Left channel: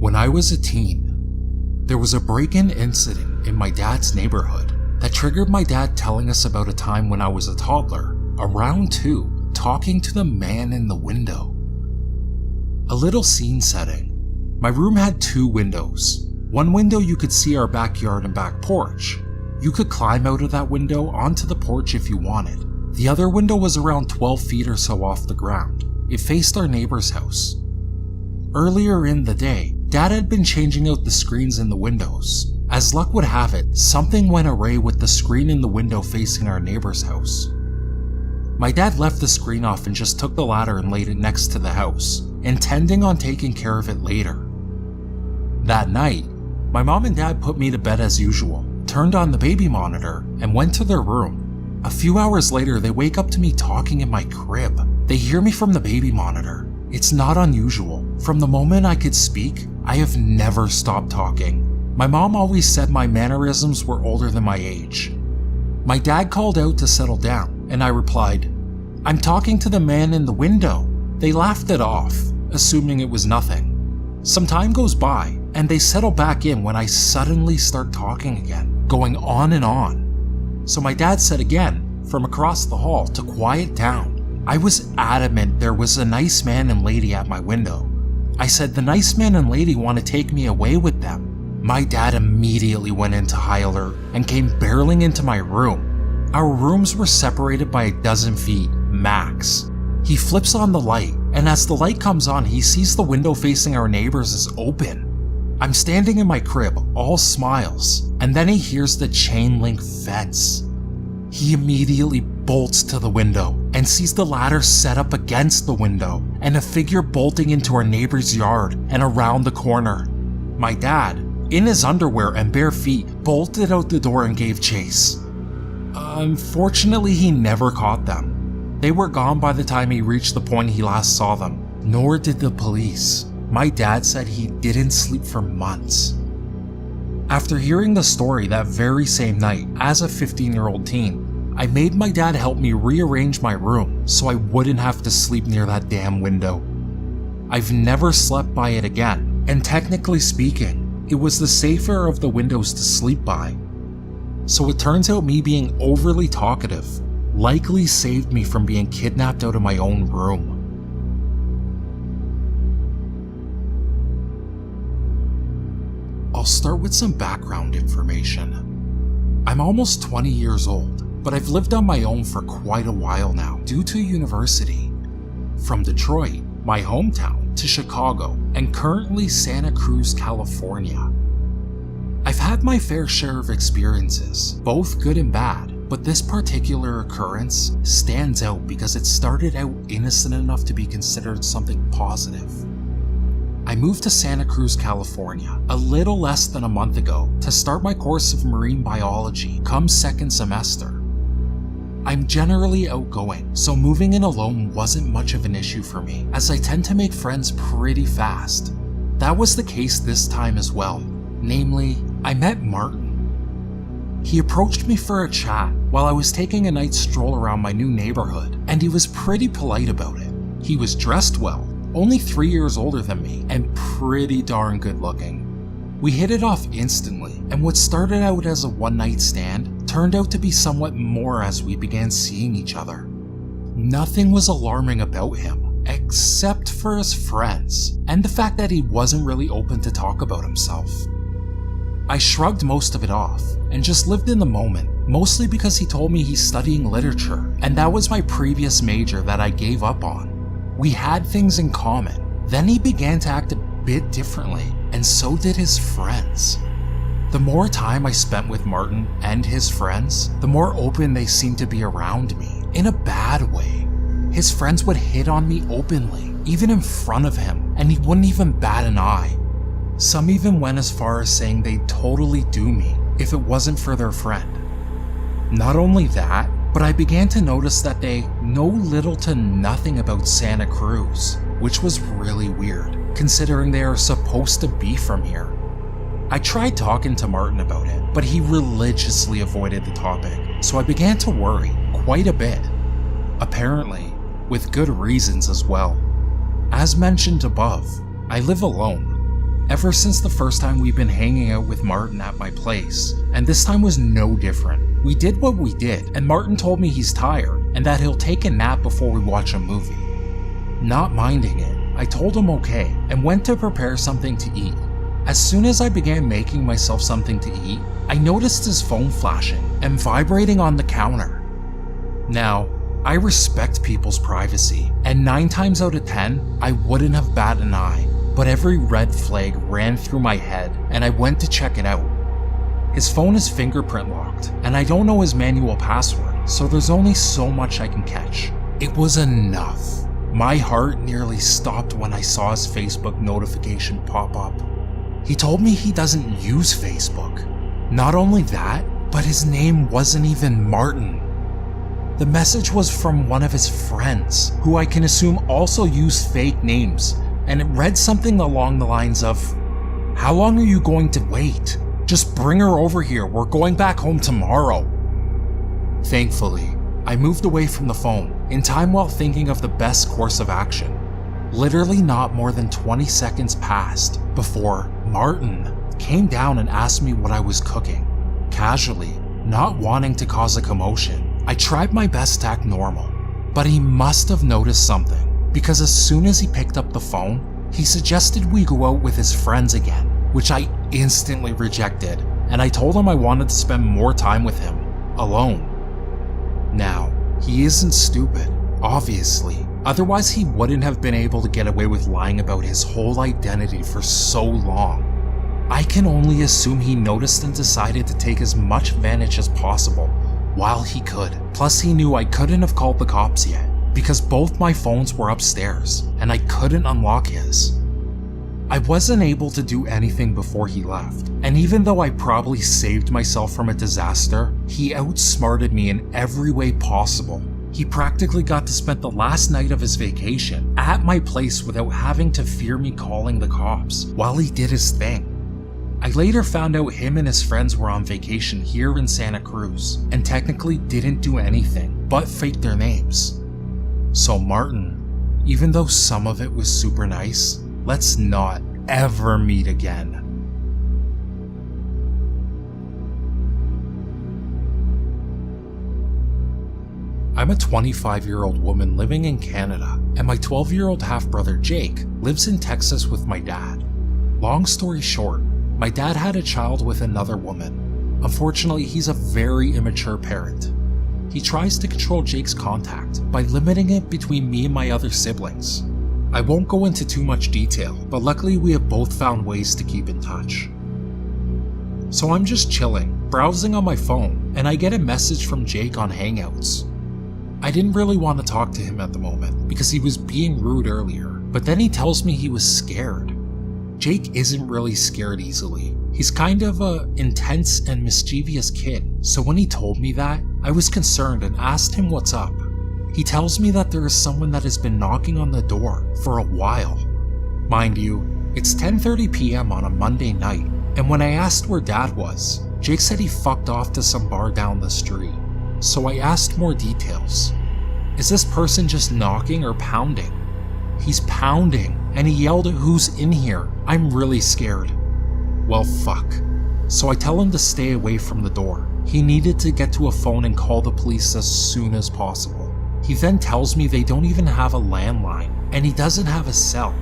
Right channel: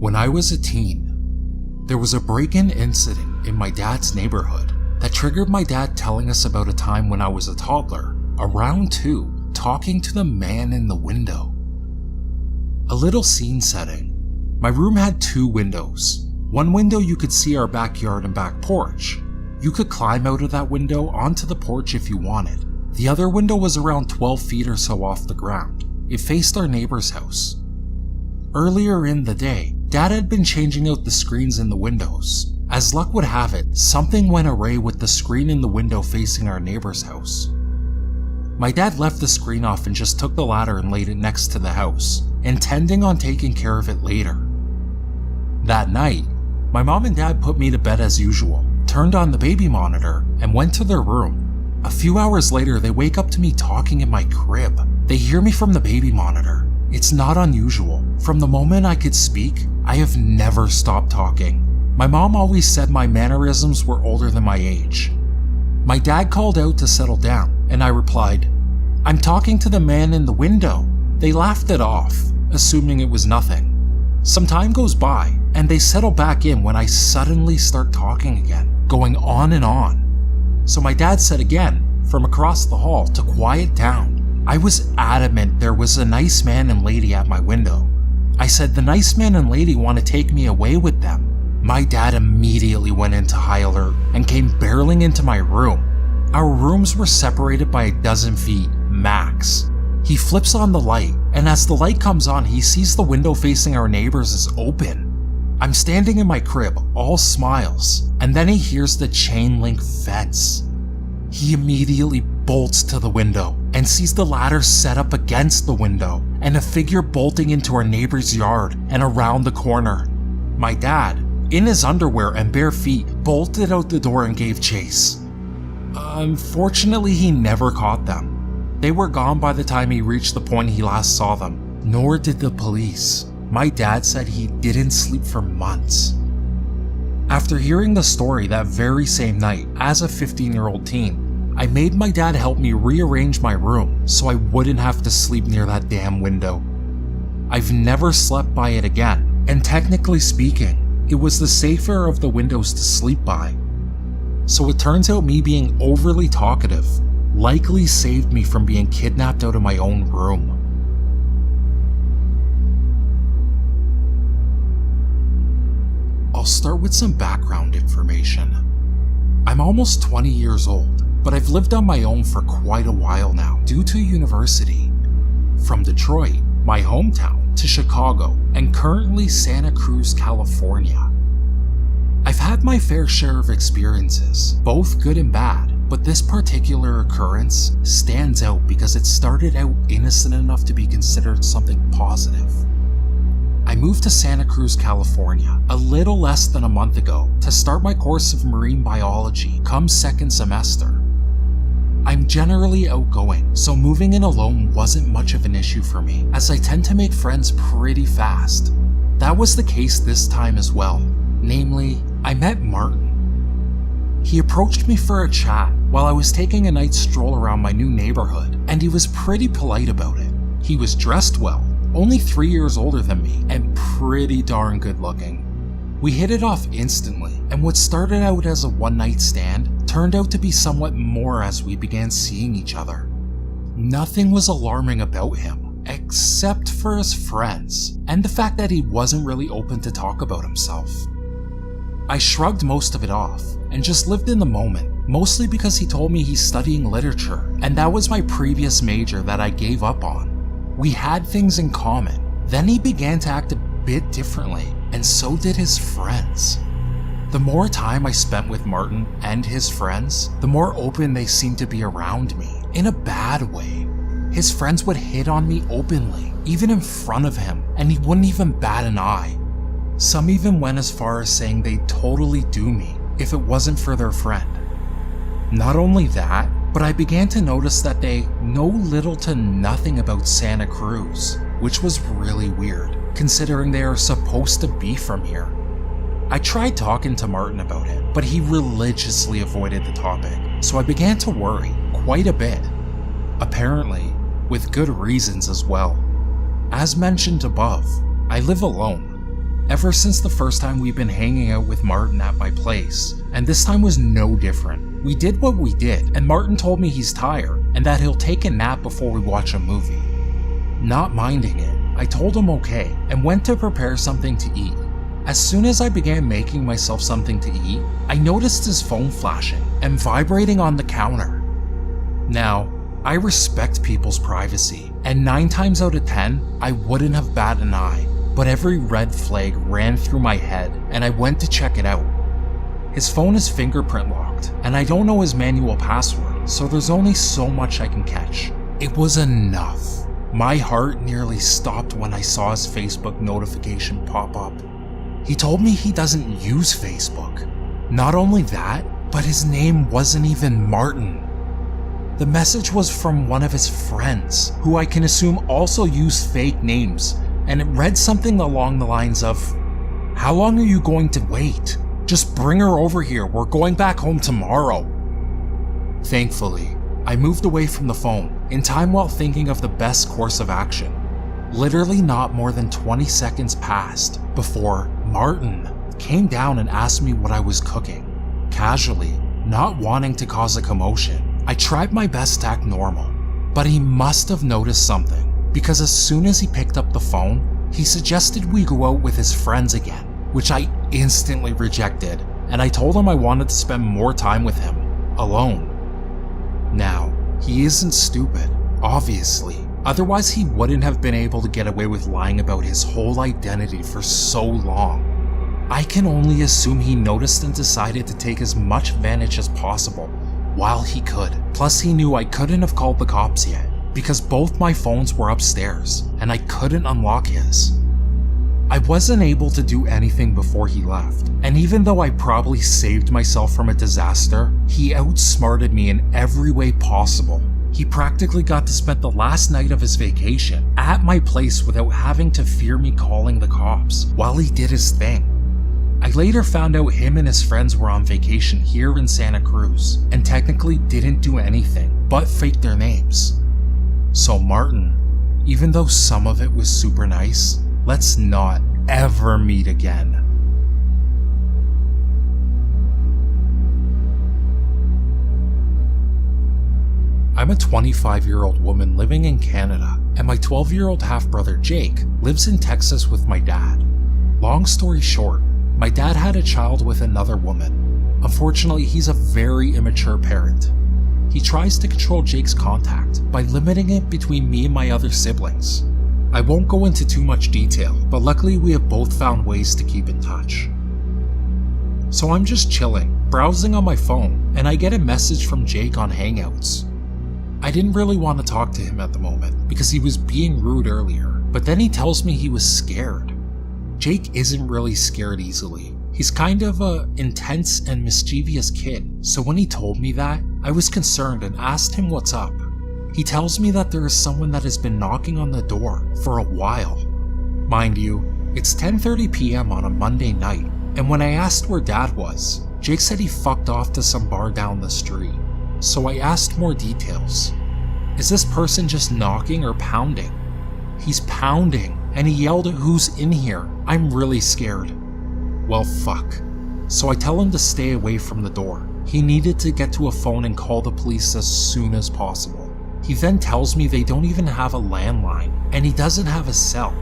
When I was a teen, there was a break-in incident in my dad's neighborhood that triggered my dad telling us about a time when I was a toddler, around 2, talking to the man in the window. A little scene setting. My room had 2 windows. One window you could see our backyard and back porch. You could climb out of that window onto the porch if you wanted. The other window was around 12 feet or so off the ground. It faced our neighbor's house. Earlier in the day, Dad had been changing out the screens in the windows. As luck would have it, something went awry with the screen in the window facing our neighbor's house. My dad left the screen off and just took the ladder and laid it next to the house, intending on taking care of it later. That night, my mom and dad put me to bed as usual, turned on the baby monitor, and went to their room. A few hours later, they wake up to me talking in my crib. They hear me from the baby monitor. It's not unusual. From the moment I could speak, I have never stopped talking. My mom always said my mannerisms were older than my age. My dad called out to settle down, and I replied, "I'm talking to the man in the window." They laughed it off, assuming it was nothing. Some time goes by, and they settle back in when I suddenly start talking again, going on and on. So my dad said again, from across the hall, to quiet down. I was adamant there was a nice man and lady at my window. I said the nice man and lady want to take me away with them. My dad immediately went into high alert and came barreling into my room. Our rooms were separated by 12 feet, max. He flips on the light, and as the light comes on, he sees the window facing our neighbors is open. I'm standing in my crib, all smiles, and then he hears the chain link fence. He immediately bolts to the window and sees the ladder set up against the window and a figure bolting into our neighbor's yard and around the corner. My dad, in his underwear and bare feet, bolted out the door and gave chase. Unfortunately, he never caught them. They were gone by the time he reached the point he last saw them, nor did the police. My dad said he didn't sleep for months. After hearing the story that very same night, as a 15-year-old teen, I made my dad help me rearrange my room so I wouldn't have to sleep near that damn window. I've never slept by it again, and technically speaking, it was the safer of the windows to sleep by. So it turns out me being overly talkative likely saved me from being kidnapped out of my own room. I'll start with some background information. I'm almost 20 years old, but I've lived on my own for quite a while now due to university. From Detroit, my hometown, to Chicago, and currently Santa Cruz, California. I've had my fair share of experiences, both good and bad, but this particular occurrence stands out because it started out innocent enough to be considered something positive. I moved to Santa Cruz, California, a little less than a month ago to start my course of marine biology come second semester. I'm generally outgoing, so moving in alone wasn't much of an issue for me, as I tend to make friends pretty fast. That was the case this time as well. Namely, I met Martin. He approached me for a chat while I was taking a night stroll around my new neighborhood, and he was pretty polite about it. He was dressed well, only 3 years older than me, and pretty darn good looking. We hit it off instantly, and what started out as a one-night stand turned out to be somewhat more as we began seeing each other. Nothing was alarming about him, except for his friends, and the fact that he wasn't really open to talk about himself. I shrugged most of it off, and just lived in the moment, mostly because he told me he's studying literature, and that was my previous major that I gave up on. We had things in common. Then he began to act a bit differently, and so did his friends. The more time I spent with Martin and his friends, the more open they seemed to be around me, in a bad way. His friends would hit on me openly, even in front of him, and he wouldn't even bat an eye. Some even went as far as saying they'd totally do me if it wasn't for their friend. Not only that, but I began to notice that they know little to nothing about Santa Cruz, which was really weird, considering they are supposed to be from here. I tried talking to Martin about it, but he religiously avoided the topic, so I began to worry quite a bit. Apparently, with good reasons as well. As mentioned above, I live alone, ever since the first time we've been hanging out with Martin at my place, and this time was no different. We did what we did, and Martin told me he's tired and that he'll take a nap before we watch a movie. Not minding it, I told him okay and went to prepare something to eat. As soon as I began making myself something to eat, I noticed his phone flashing and vibrating on the counter. Now, I respect people's privacy, and 9 times out of 10, I wouldn't have batted an eye, but every red flag ran through my head and I went to check it out. His phone is fingerprint locked, and I don't know his manual password, so there's only so much I can catch. It was enough. My heart nearly stopped when I saw his Facebook notification pop up. He told me he doesn't use Facebook. Not only that, but his name wasn't even Martin. The message was from one of his friends, who I can assume also used fake names, and it read something along the lines of, "How long are you going to wait? Just bring her over here, we're going back home tomorrow." Thankfully, I moved away from the phone in time while thinking of the best course of action. Literally not more than 20 seconds passed before Martin came down and asked me what I was cooking. Casually, not wanting to cause a commotion, I tried my best to act normal, but he must have noticed something, because as soon as he picked up the phone, he suggested we go out with his friends again, which I instantly rejected, and I told him I wanted to spend more time with him, alone. Now, he isn't stupid, obviously, otherwise he wouldn't have been able to get away with lying about his whole identity for so long. I can only assume he noticed and decided to take as much advantage as possible while he could. Plus he knew I couldn't have called the cops yet, because both my phones were upstairs and I couldn't unlock his. I wasn't able to do anything before he left, and even though I probably saved myself from a disaster, he outsmarted me in every way possible. He practically got to spend the last night of his vacation at my place without having to fear me calling the cops while he did his thing. I later found out him and his friends were on vacation here in Santa Cruz and technically didn't do anything but fake their names. So Martin, even though some of it was super nice, let's not ever meet again. I'm a 25-year-old woman living in Canada, and my 12-year-old half-brother Jake lives in Texas with my dad. Long story short, my dad had a child with another woman. Unfortunately, he's a very immature parent. He tries to control Jake's contact by limiting it between me and my other siblings. I won't go into too much detail, but luckily we have both found ways to keep in touch. So I'm just chilling, browsing on my phone, and I get a message from Jake on Hangouts. I didn't really want to talk to him at the moment because he was being rude earlier, but then he tells me he was scared. Jake isn't really scared easily. He's kind of an intense and mischievous kid, so when he told me that, I was concerned and asked him what's up. He tells me that there is someone that has been knocking on the door for a while. Mind you, it's 10:30 p.m. on a Monday night, and when I asked where Dad was, Jake said he fucked off to some bar down the street. So I asked more details. Is this person just knocking or pounding? He's pounding, and he yelled at who's in here. I'm really scared. Well, fuck. So I tell him to stay away from the door. He needed to get to a phone and call the police as soon as possible. He then tells me they don't even have a landline, and he doesn't have a cell.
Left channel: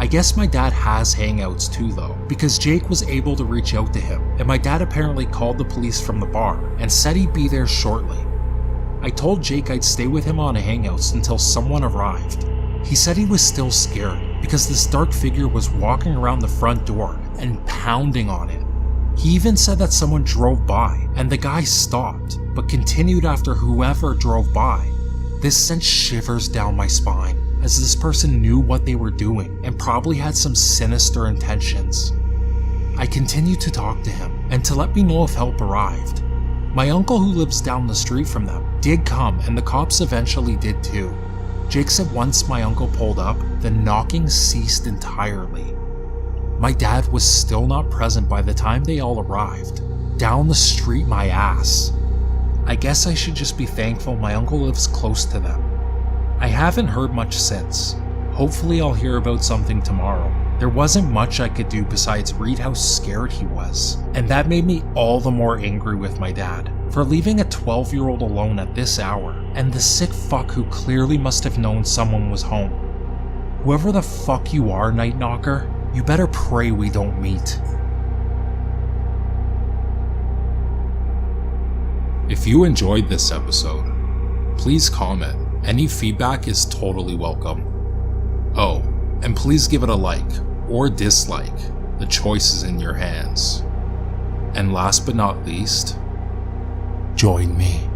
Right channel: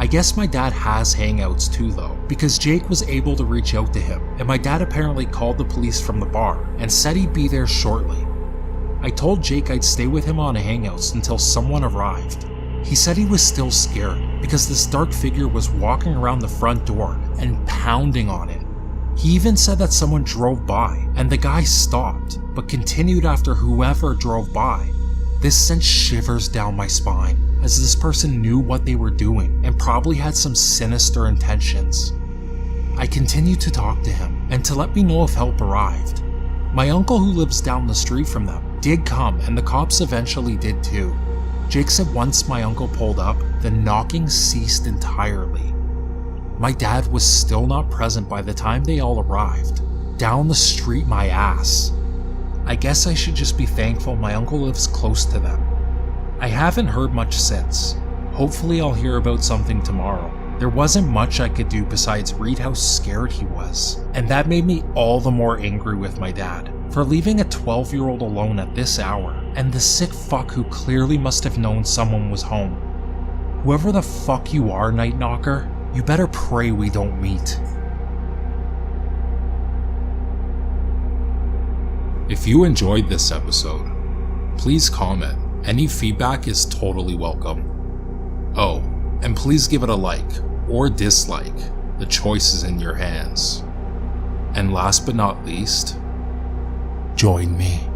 I guess my dad has Hangouts too though, because Jake was able to reach out to him, and my dad apparently called the police from the bar and said he'd be there shortly. I told Jake I'd stay with him on Hangouts until someone arrived. He said he was still scared because this dark figure was walking around the front door and pounding on it. He even said that someone drove by and the guy stopped, but continued after whoever drove by. This sent shivers down my spine, as this person knew what they were doing and probably had some sinister intentions. I continued to talk to him and to let me know if help arrived. My uncle, who lives down the street from them, did come, and the cops eventually did too. Jake said once my uncle pulled up, the knocking ceased entirely. My dad was still not present by the time they all arrived. Down the street my ass. I guess I should just be thankful my uncle lives close to them. I haven't heard much since. Hopefully I'll hear about something tomorrow. There wasn't much I could do besides read how scared he was, and that made me all the more angry with my dad for leaving a 12-year-old alone at this hour, and the sick fuck who clearly must have known someone was home. Whoever the fuck you are, Night Knocker, you better pray we don't meet. If you enjoyed this episode, please comment. Any feedback is totally welcome. Oh, and please give it a like or dislike. The choice is in your hands. And last but not least, join me.